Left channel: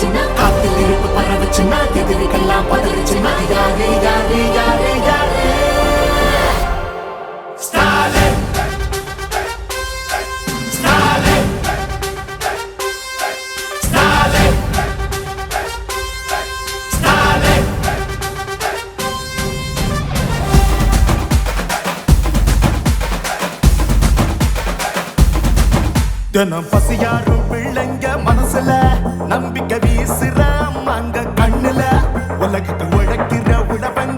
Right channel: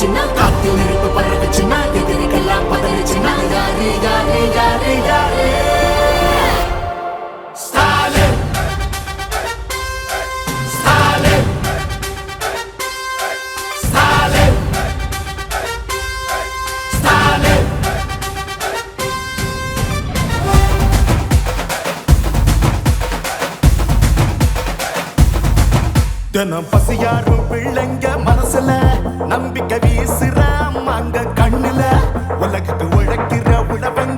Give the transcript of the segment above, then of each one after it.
original coffee. தினம் பசியாரும் பிள்ளைங்க மனசுல நம்பிக்கை வீசுற அம்மாங்க கண்ணுல. உலகத்தை உழைக்கிற உழவங்க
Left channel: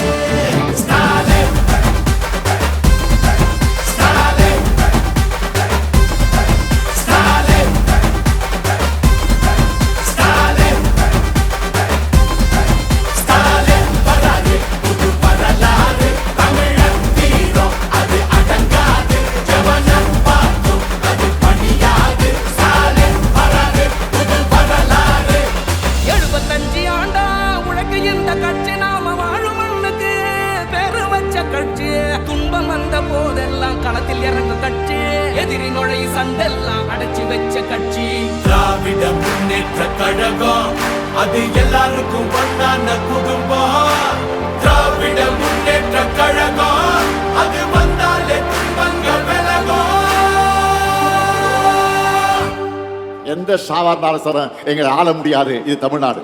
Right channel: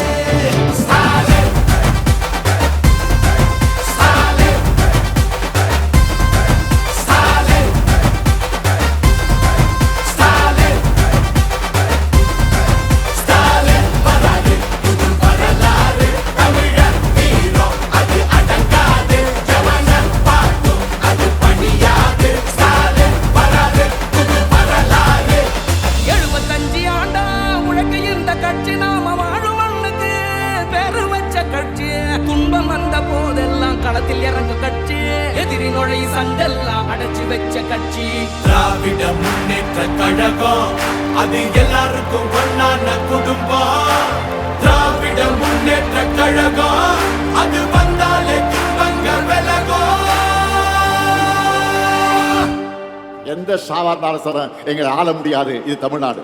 கட்சி ஆண்டா உழைக்க இந்த கட்சி நாம வாழும் மண்ணுக்கு பெரு வச்ச கட்சி. துன்பம் வந்த போதெல்லாம் களத்தில் இறங்க கட்சி. எதிரி நுழை சண்டெல்லாம் அடைச்சு வச்ச கட்சி. திராவிட முன்னேற்ற கழகம் அது எல்லாருக்கும் ஒன்னான குடும்பம். எந்த சாதாரண அரசரும் எங்களை ஆள முடியாது. இது தமிழ்நாடு.